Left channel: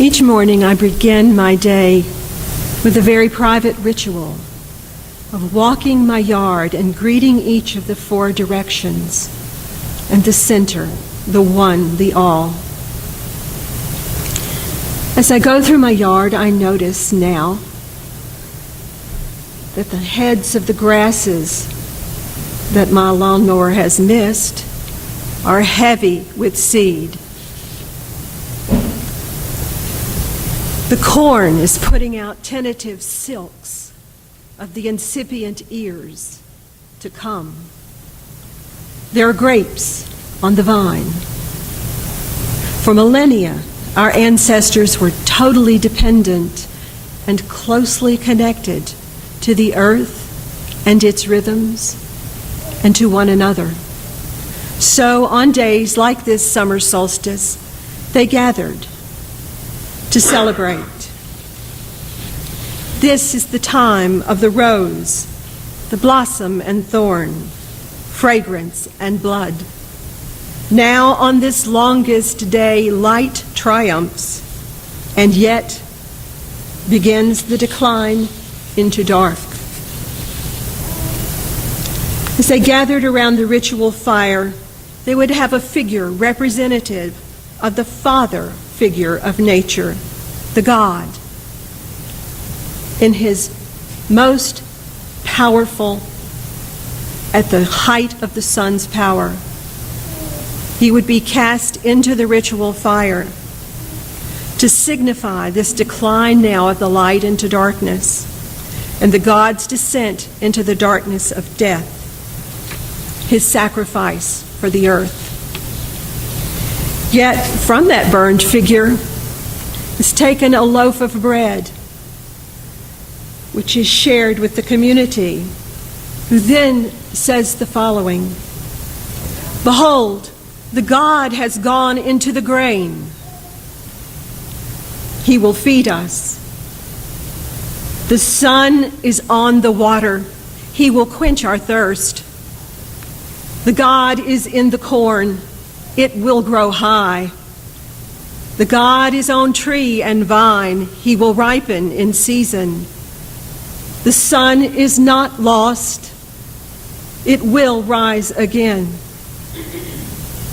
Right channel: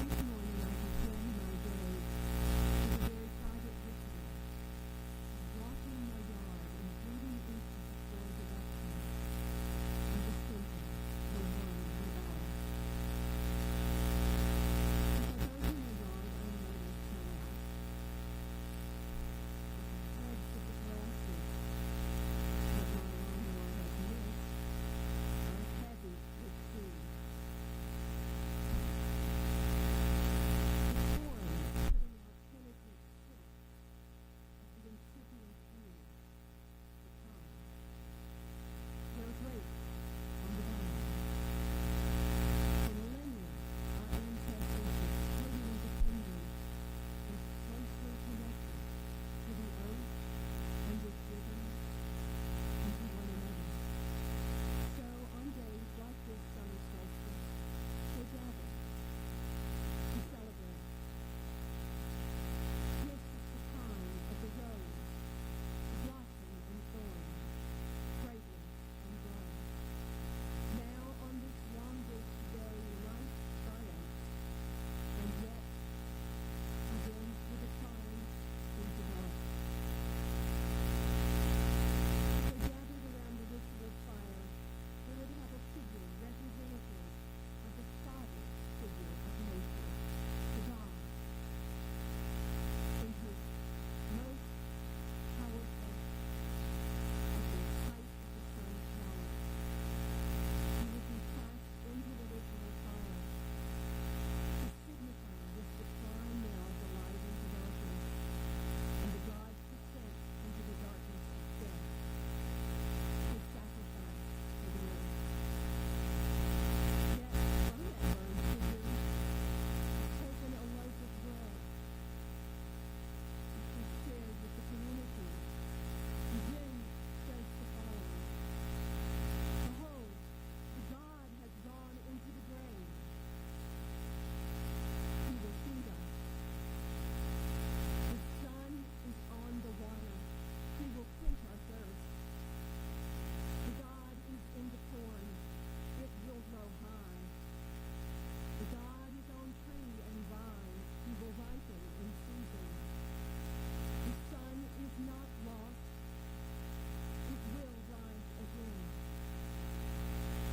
Each morning I begin my day with a very private ritual of walking my yard and greeting each of the four directions and the center, the one, the all. As I go through my yard, I notice now that the heads of the grasses that my lawnmower has missed are heavy with seed. The corn is putting out tentative silks of the incipient ears to come. There are grapes on the vine. For millennia, our ancestors were totally dependent and closely connected to the earth and its rhythms and to one another. So on days like this summer solstice, they gathered to celebrate. This is the time of the rose, the blossom and thorn, fragrance and blood. Now on this longest day, light triumphs, and yet begins the decline into dark. As they gathered around the ritual fire, they would have a figure representative of the father figure of nature, the God, in his most powerful, at the height of the sun's power. He would be cast into the ritual fire to signify this decline now of the light into darkness and the God's descent into the darkness of death, his sacrifice for the earth. Yet from that burned figure is taken a loaf of bread, which is shared with the community, who then says the following: "Behold, the God has gone into the grain. He will feed us. The sun is on the water. He will quench our thirst. The God is in the corn. It will grow high. The God is on tree and vine. He will ripen in season. The sun is not lost. It will rise again.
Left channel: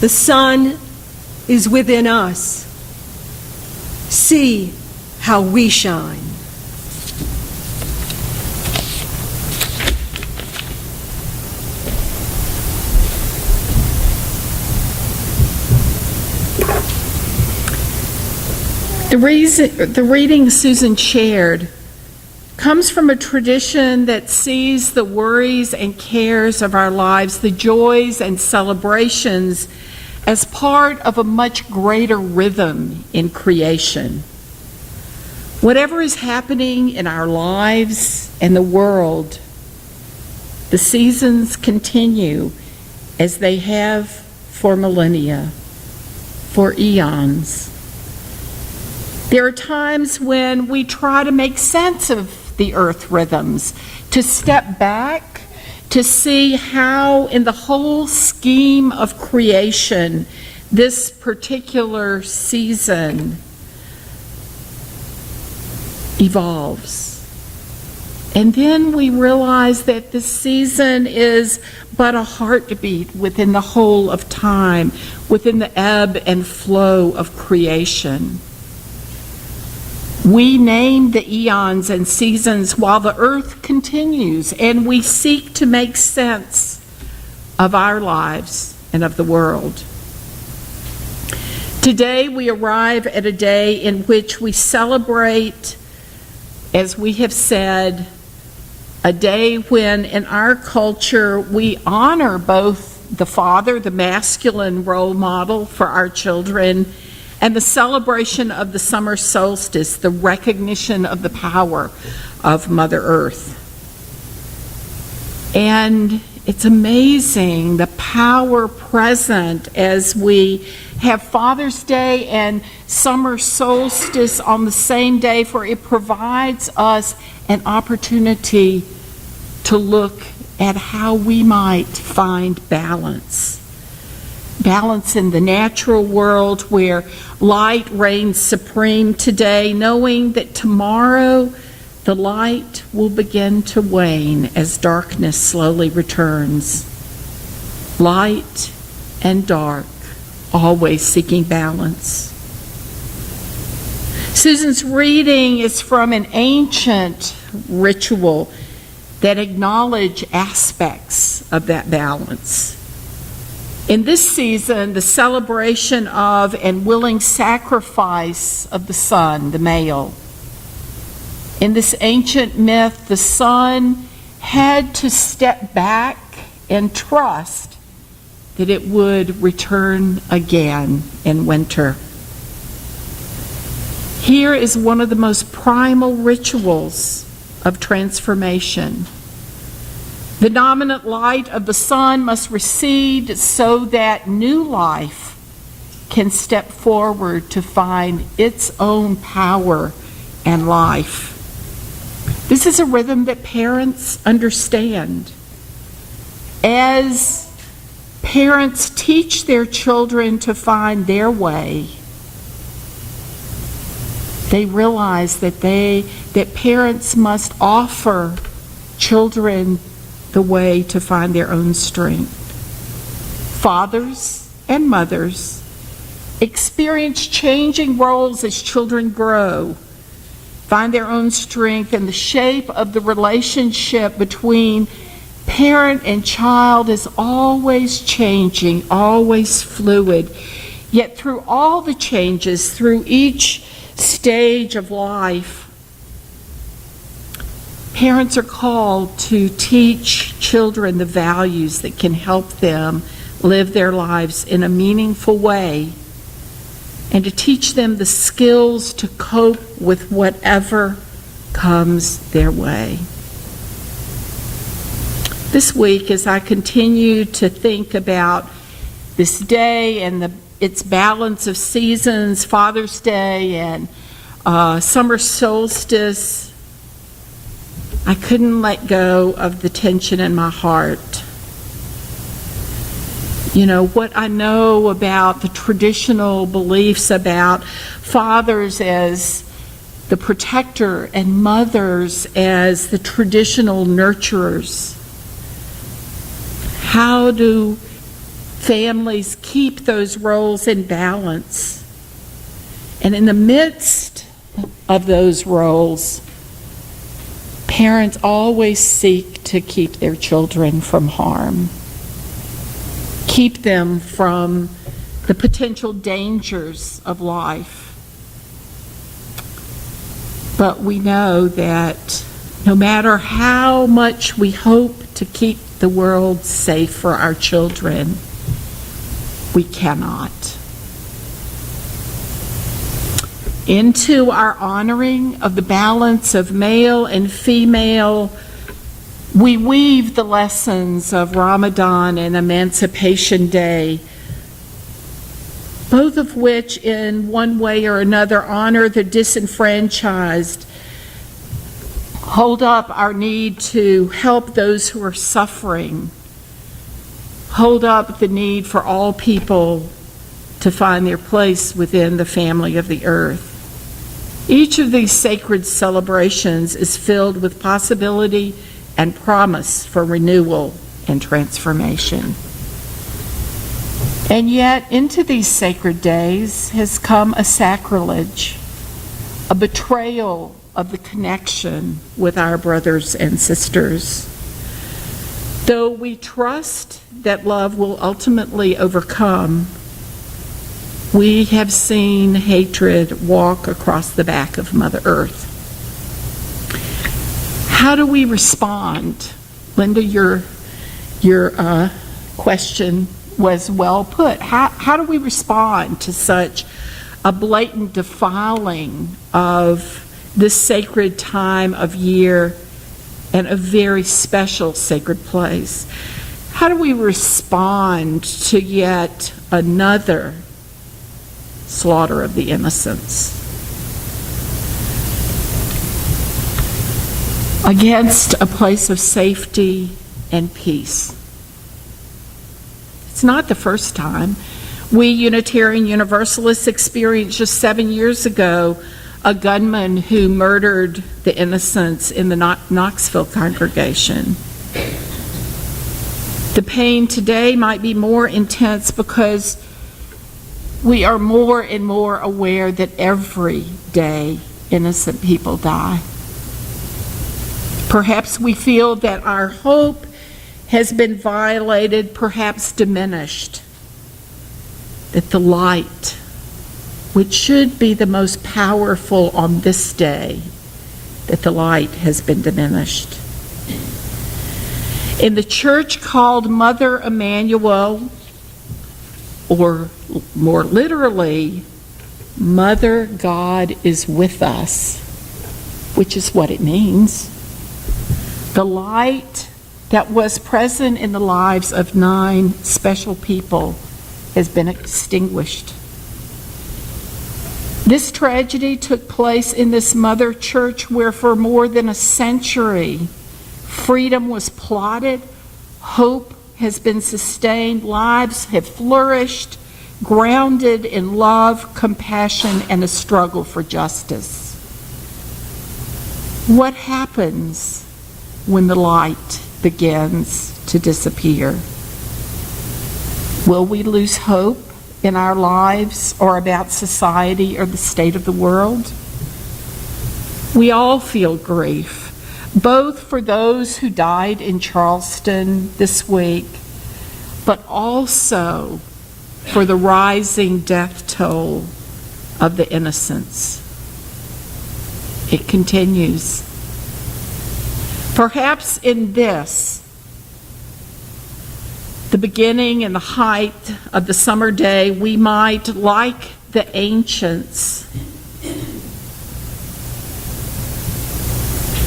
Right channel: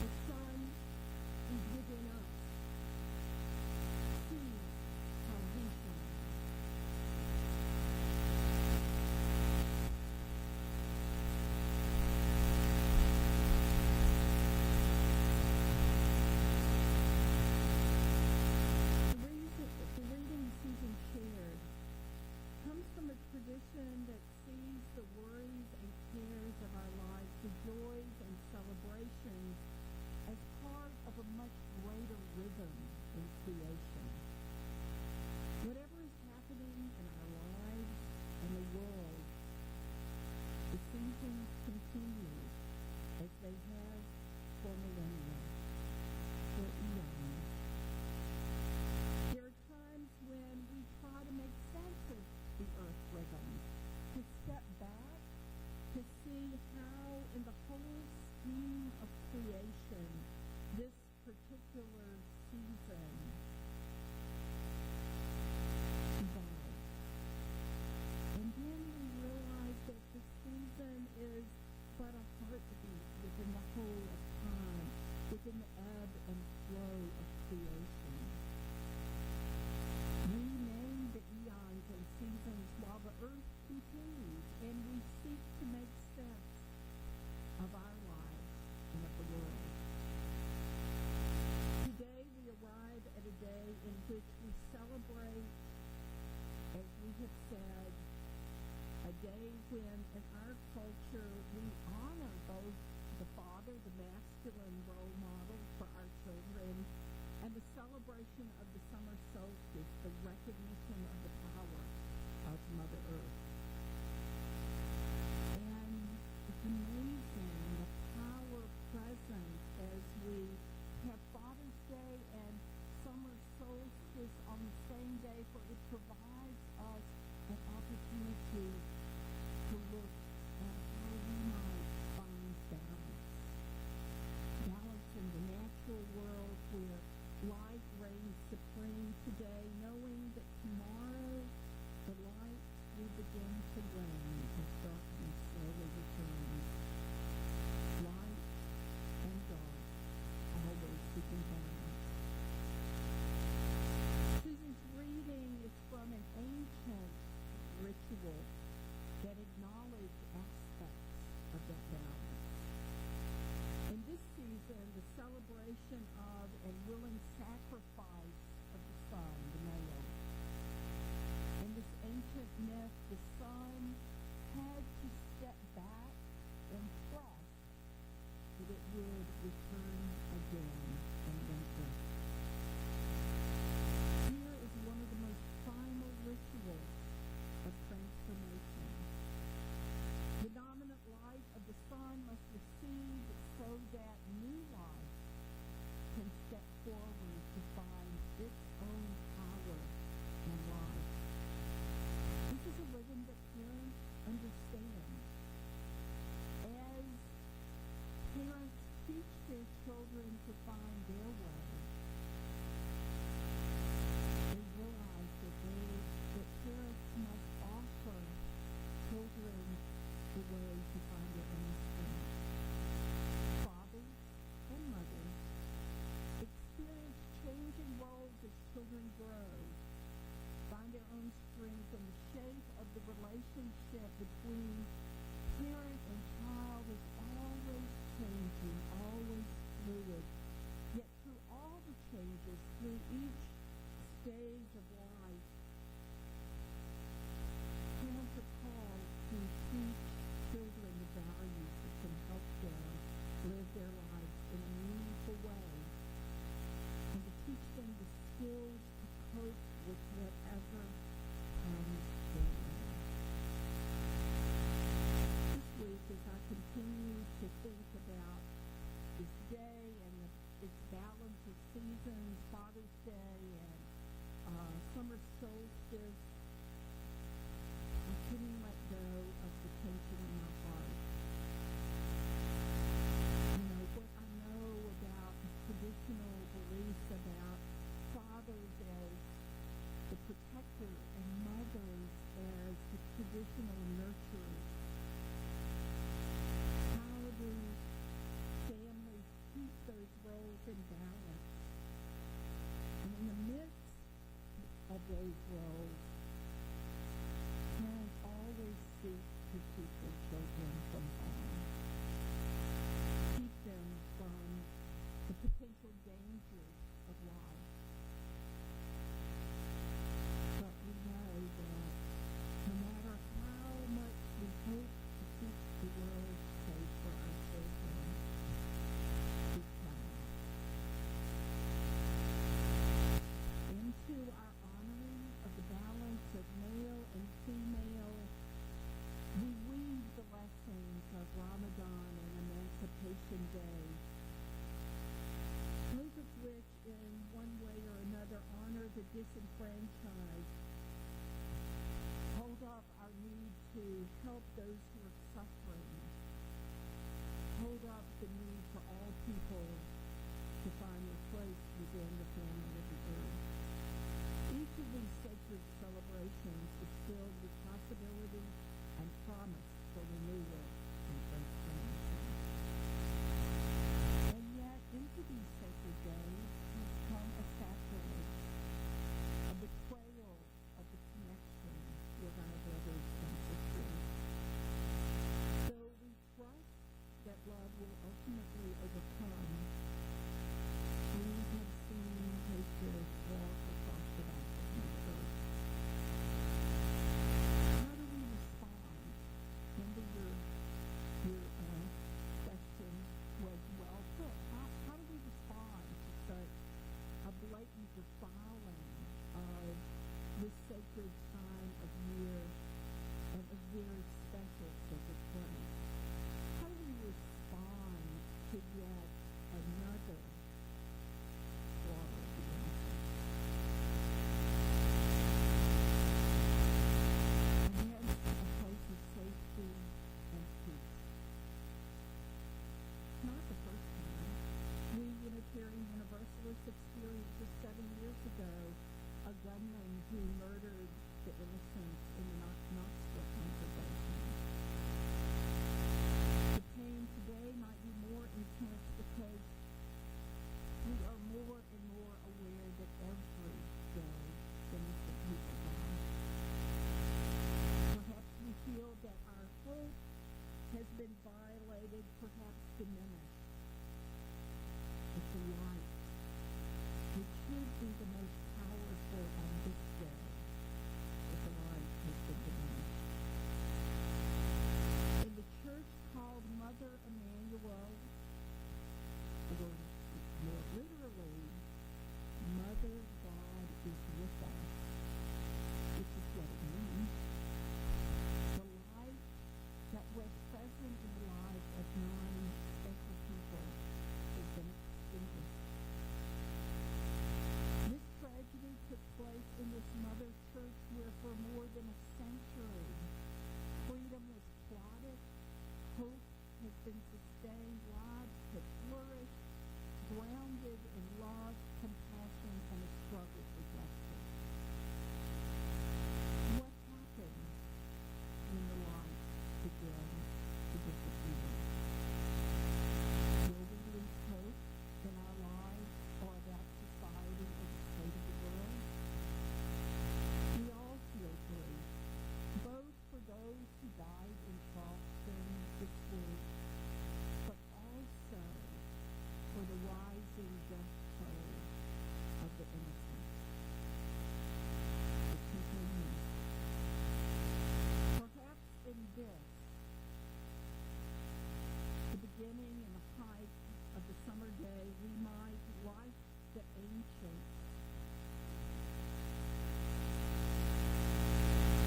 The sun is within us. See how we shine." The reading Susan shared comes from a tradition that sees the worries and cares of our lives, the joys and celebrations, as part of a much greater rhythm in creation. Whatever is happening in our lives and the world, the seasons continue as they have for millennia, for eons. There are times when we try to make sense of the earth rhythms, to step back, to see how in the whole scheme of creation, this particular season evolves. And then we realize that this season is but a heartbeat within the whole of time, within the ebb and flow of creation. We name the eons and seasons while the earth continues, and we seek to make sense of our lives and of the world. Today we arrive at a day in which we celebrate, as we have said, a day when in our culture we honor both the father, the masculine role model for our children, and the celebration of the summer solstice, the recognition of the power of Mother Earth. And it's amazing the power present as we have Father's Day and summer solstice on the same day, for it provides us an opportunity to look at how we might find balance. balance in the natural world where light reigns supreme today, knowing that tomorrow the light will begin to wane as darkness slowly returns. Light and dark, always seeking balance. Susan's reading is from an ancient ritual that acknowledge aspects of that balance. In this season, the celebration of and willing sacrifice of the son, the male. In this ancient myth, the son had to step back and trust that it would return again in winter. Here is one of the most primal rituals of transformation. The dominant light of the sun must recede so that new life can step forward to find its own power and life. This is a rhythm that parents understand. As parents teach their children to find their way, they realize that parents must offer children the way to find their own strength. Fathers and mothers experience changing roles as children grow, find their own strength, and the shape of the relationship between parent and child is always changing, always fluid. Yet through all the changes, through each stage of life, parents are called to teach children the values that can help them live their lives in a meaningful way, and to teach them the skills to cope with whatever comes their way. This week, as I continue to think about this day and its balance of seasons, Father's Day and summer solstice, I couldn't let go of the tension in my heart. You know, what I know about the traditional beliefs about fathers as the protector and mothers as the traditional nurturers. How do families keep those roles in balance? And in the midst of those roles, parents always seek to keep their children from harm, keep them from the potential dangers of life. But we know that no matter how much we hope to keep the world safe for our children, we cannot. Into our honoring of the balance of male and female, we weave the lessons of Ramadan and Emancipation Day, both of which in one way or another honor the disenfranchised, hold up our need to help those who are suffering, hold up the need for all people to find their place within the family of the earth. Each of these sacred celebrations is filled with possibility and promise for renewal and transformation. And yet, into these sacred days has come a sacrilege, a betrayal of the connection with our brothers and sisters. Though we trust that love will ultimately overcome, we have seen hatred walk across the back of Mother Earth. How do we respond? Linda, your question was well put. How do we respond to such a blatant defiling of this sacred time of year and a very special sacred place? How do we respond to yet another slaughter of the innocents? Against a place of safety and peace. It's not the first time We Unitarian Universalists experienced just 7 years ago a gunman who murdered the innocents in the Knoxville congregation. The pain today might be more intense because we are more and more aware that every day innocent people die. Perhaps we feel that our hope has been violated, perhaps diminished, that the light, which should be the most powerful on this day, that the light has been diminished. In the church called Mother Emanuel, or more literally, Mother God is with us, which is what it means. The light that was present in the lives of 9 special people has been extinguished. This tragedy took place in this mother church where for more than a century, freedom was plotted, hope has been sustained, lives have flourished, grounded in love, compassion, and a struggle for justice. What happens when the light begins to disappear? Will we lose hope in our lives or about society or the state of the world? We all feel grief, both for those who died in Charleston this week, but also for the rising death toll of the innocents. It continues. Perhaps in this, the beginning and the height of the summer day, we might, like the ancients,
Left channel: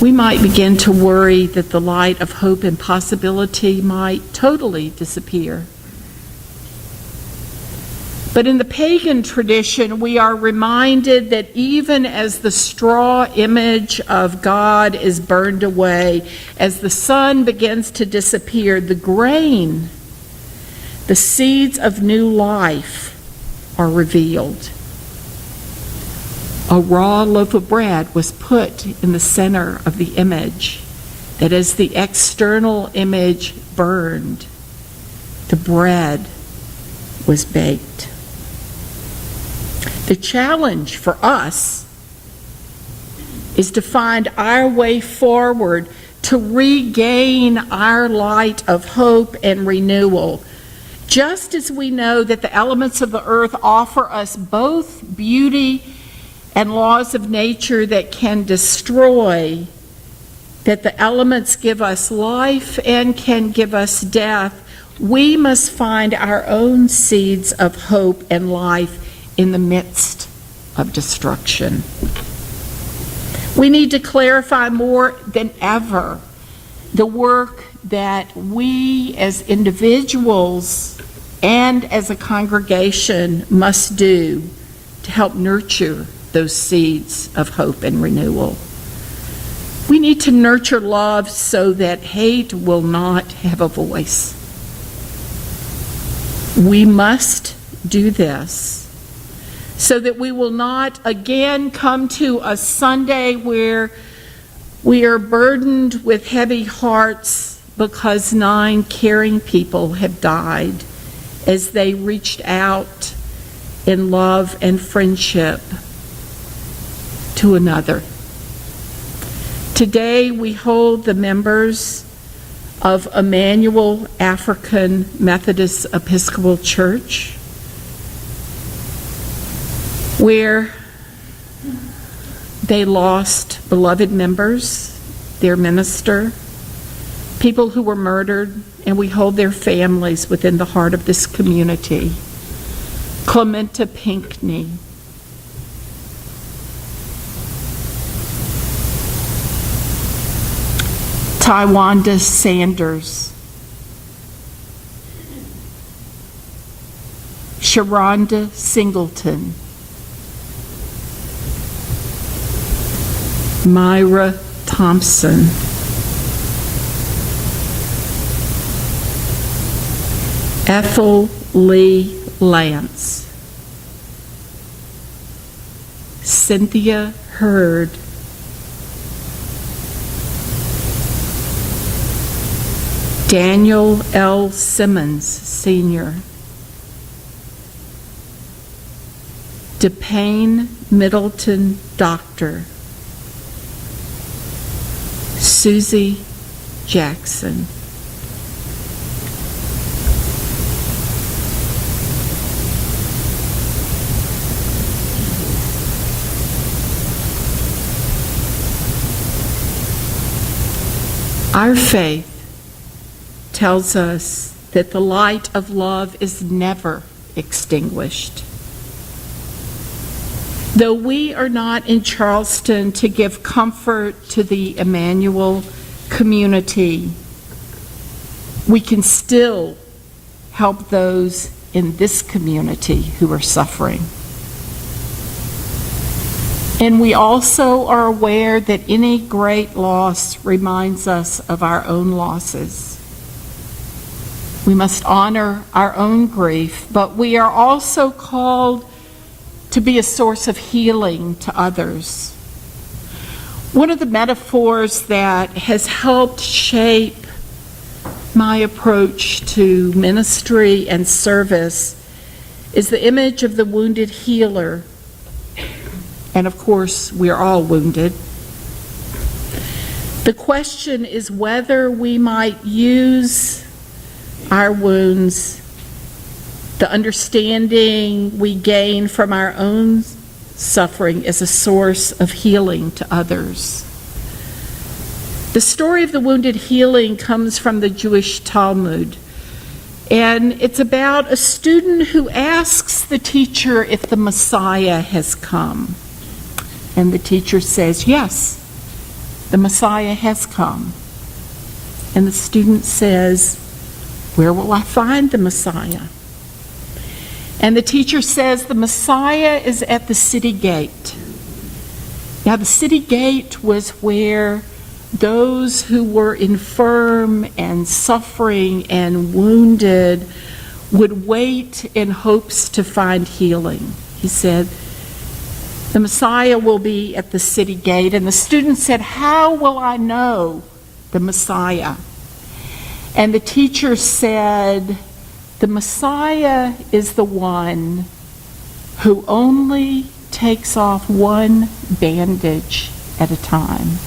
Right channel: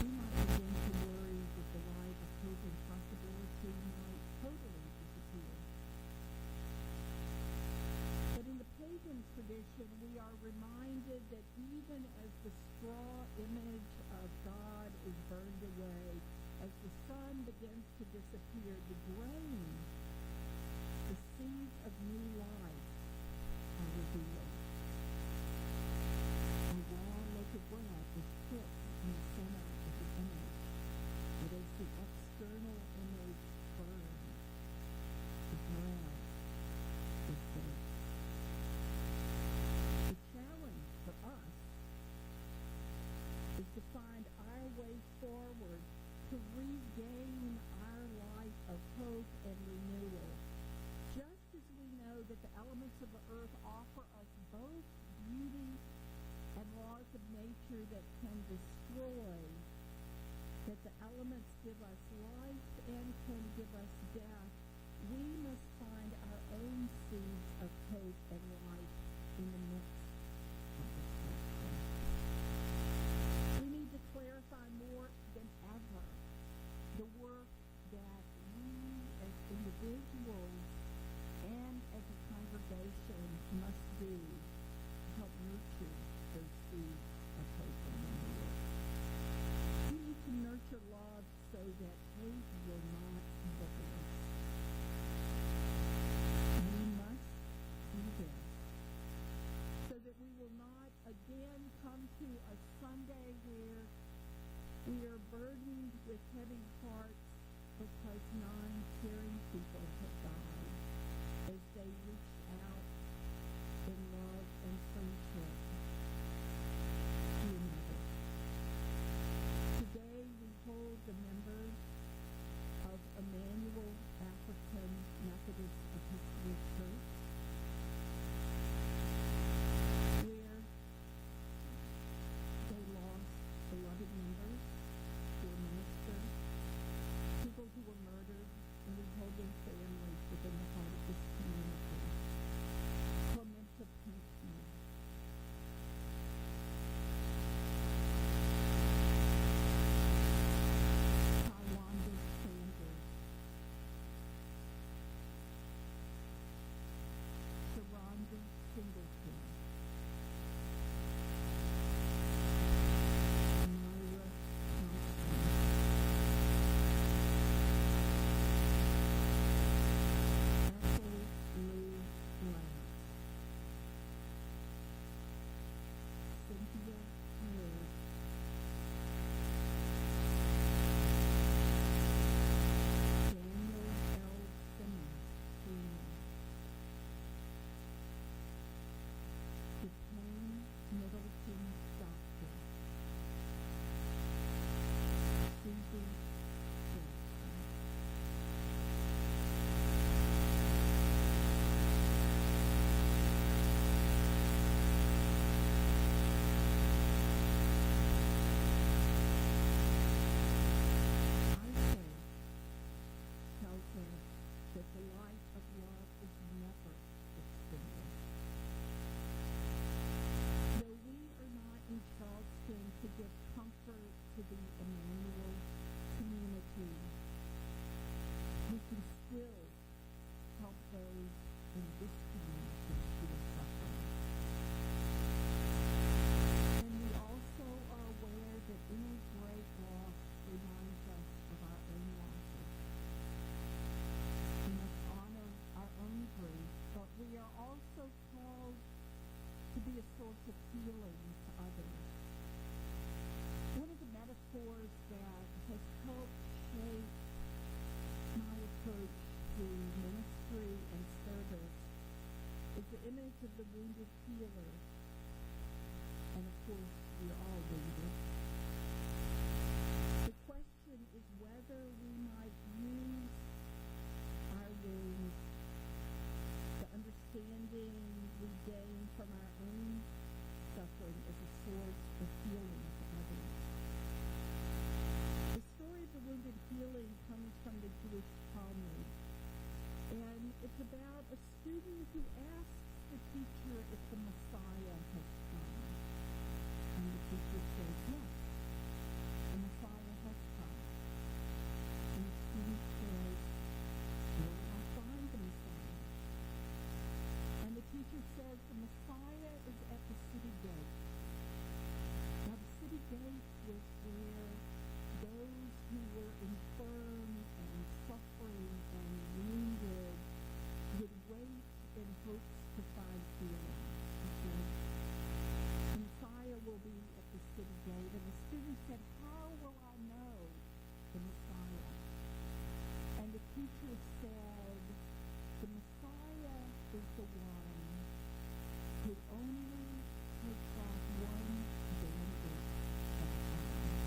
we might begin to worry that the light of hope and possibility might totally disappear. But in the pagan tradition, we are reminded that even as the straw image of God is burned away, as the sun begins to disappear, the grain, the seeds of new life are revealed. A raw loaf of bread was put in the center of the image, that as the external image burned, the bread was baked. The challenge for us is to find our way forward to regain our light of hope and renewal. Just as we know that the elements of the earth offer us both beauty and laws of nature that can destroy, that the elements give us life and can give us death, we must find our own seeds of hope and life in the midst of destruction. We need to clarify more than ever the work that we as individuals and as a congregation must do to help nurture those seeds of hope and renewal. We need to nurture love so that hate will not have a voice. We must do this so that we will not again come to a Sunday where we are burdened with heavy hearts because 9 caring people have died as they reached out in love and friendship to another. Today we hold the members of Emanuel African Methodist Episcopal Church, where they lost beloved members, their minister, people who were murdered, and we hold their families within the heart of this community. Clementa Pinckney, Tywanda Sanders, Sharonda Singleton, Myra Thompson, Ethel Lee Lance, Cynthia Hurd, Daniel L. Simmons, Sr., DePayne Middleton, Doctor, Susie Jackson. Our faith tells us that the light of love is never extinguished. Though we are not in Charleston to give comfort to the Emanuel community, we can still help those in this community who are suffering. And we also are aware that any great loss reminds us of our own losses. We must honor our own grief, but we are also called to be a source of healing to others. One of the metaphors that has helped shape my approach to ministry and service is the image of the wounded healer. And of course, we are all wounded. The question is whether we might use our wounds, the understanding we gain from our own suffering, as a source of healing to others. The story of the wounded healing comes from the Jewish Talmud, and it's about a student who asks the teacher if the Messiah has come. And the teacher says, yes, the Messiah has come. And the student says, where will I find the Messiah? And the teacher says, the Messiah is at the city gate. Now, the city gate was where those who were infirm and suffering and wounded would wait in hopes to find healing. He said, the Messiah will be at the city gate. And the student said, how will I know the Messiah? And the teacher said, the Messiah is the one who only takes off one bandage at a time.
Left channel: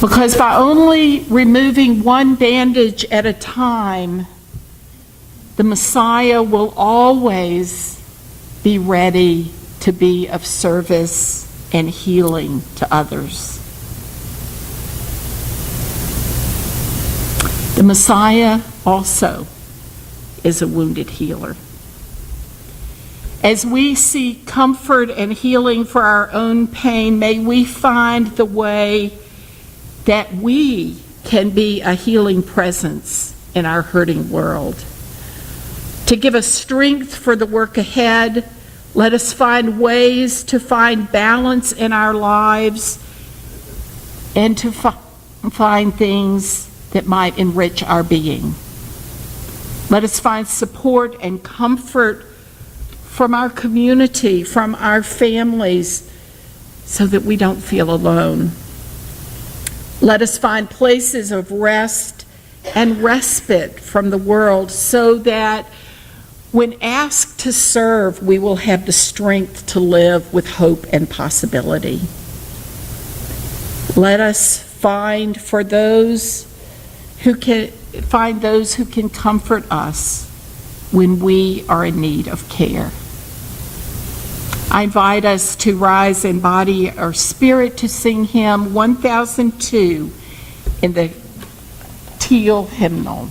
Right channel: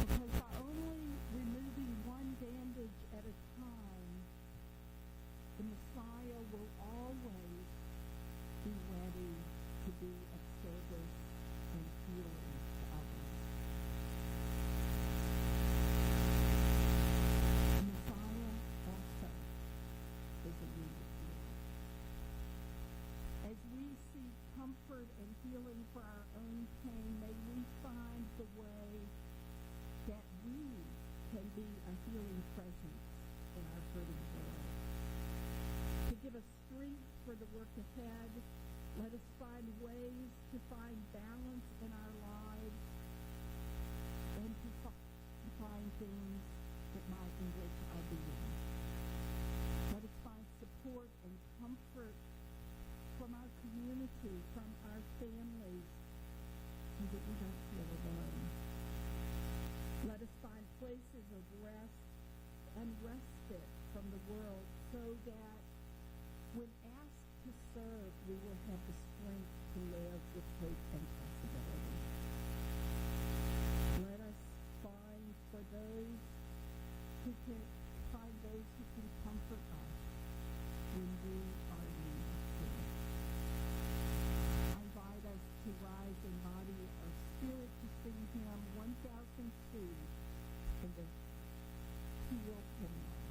Because by only removing one bandage at a time, the Messiah will always be ready to be of service and healing to others. The Messiah also is a wounded healer. As we seek comfort and healing for our own pain, may we find the way that we can be a healing presence in our hurting world. To give us strength for the work ahead, let us find ways to find balance in our lives and to find things that might enrich our being. Let us find support and comfort from our community, from our families, so that we don't feel alone. Let us find places of rest and respite from the world so that when asked to serve, we will have the strength to live with hope and possibility. Let us find those who can comfort us when we are in need of care. I invite us to rise in body or spirit to sing hymn 1002 in the Teal hymnal.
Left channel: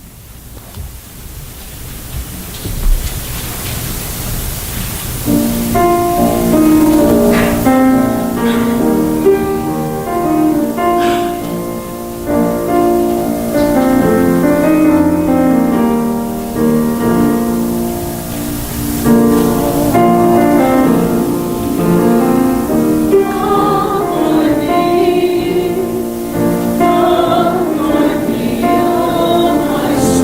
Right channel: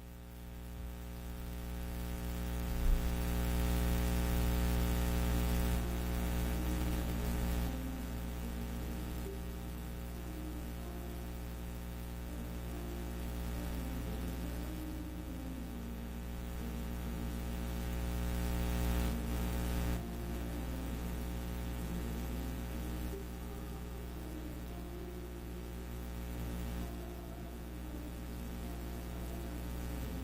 Comfort me, oh my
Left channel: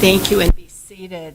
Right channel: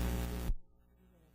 Thank you, and be seated.